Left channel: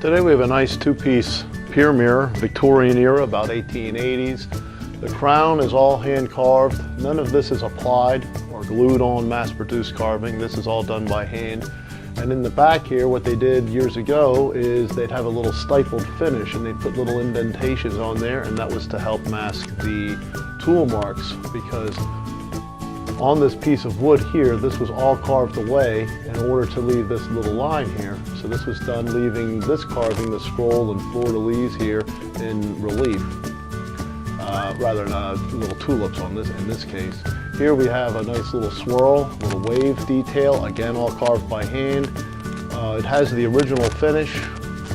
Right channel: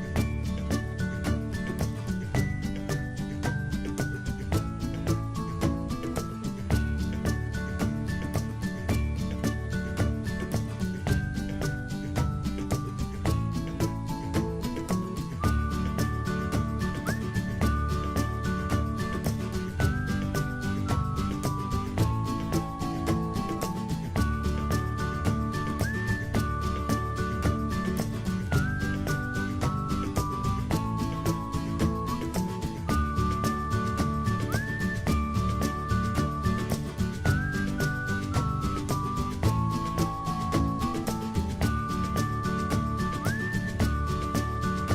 Today we have a nice two-piece pier mirror, Victorian era, about 1880s. The crown is all hand carved. None of this is applied or glued on mass-produced carving. This is all done by hand. And in the back here, what they did years ago is they'd have a little stifled finish and they put little indentations on there, and that was to help mask the tool marks, because on this piece of wood here, this was all carved away in order to leave this little line here. So this was done leaving this carving, the scroll and fleur-de-lis here, in relief, rather than little tulips on this, in this case. Here we have a nice little swirl, little wave detail, again all carved by hand. It has the original finish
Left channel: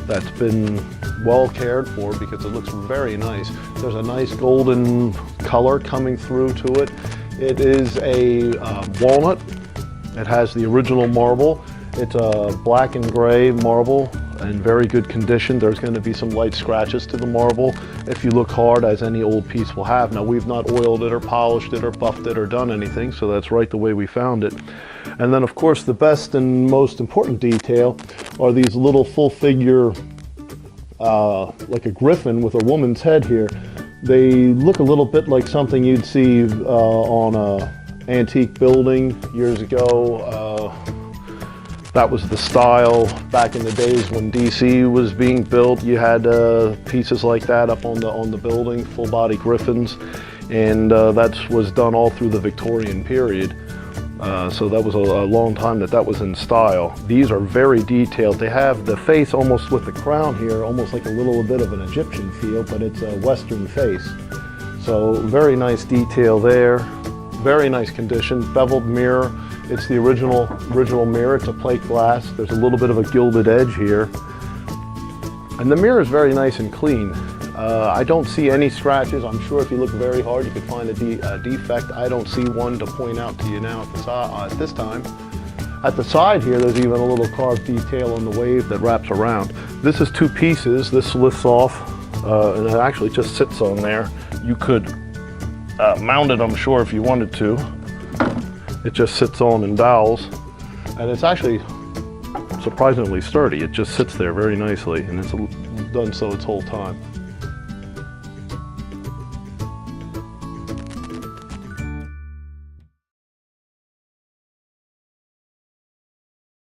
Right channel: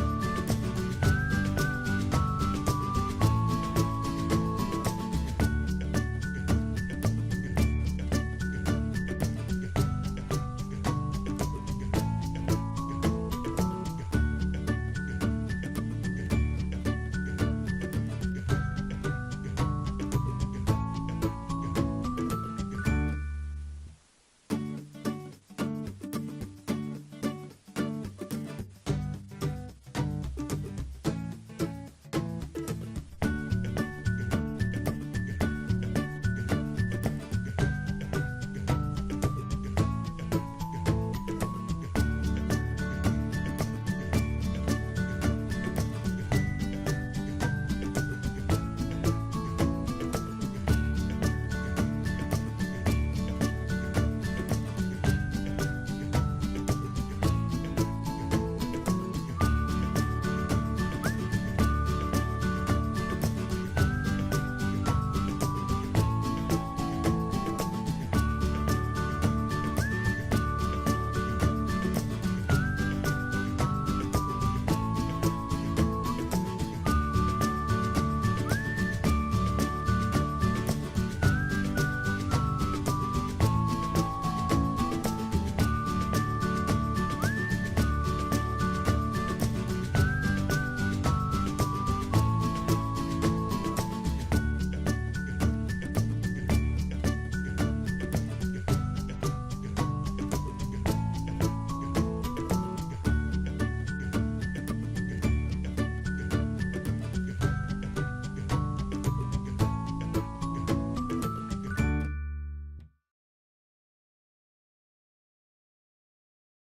that's been well cared for because it looks very nice. There's a nice golden color coming through to it. It is a walnut. It has the original marble. It's a black and gray marble in very good condition. There's going to be some light scratches to the marble if you look hard, as any old piece will have. Now, we've not oiled it or polished it or buffed it or done anything, so that's right the way we found it. And then, of course, the best and most important detail are these little full figure, like a griffin with a woman's head here. They look a little bit like something you'd see on an antique building years ago. That was the style back in the days when DC was being built. You had pieces like that up on the building, full body griffins, and that was done all through the Victorian period. So that was a long time that was in style. These are very detailed. They have the face almost with the crown here, almost like a little bit of an Egyptian feel, but it's a Western face. So very nice detail there. Very nice condition, beveled mirror. It's the original mirror. It's a plate glass. There's a little bit of a gilded edge here. And the mirror is very nice and clean. I don't see any scratches. I'm sure if you look very hard, you can find a defect. I don't see one to point out to you now at this time. At the side here, there's even a little carved detail on the wave that wraps around. This is two pieces. This lifts off, and it actually just sits on there. You could mount it, I'm sure, if you wanted to. It just sits on and dowels, and it's actually surprisingly sturdy. It just sits there very nicely, and it's done so its whole time.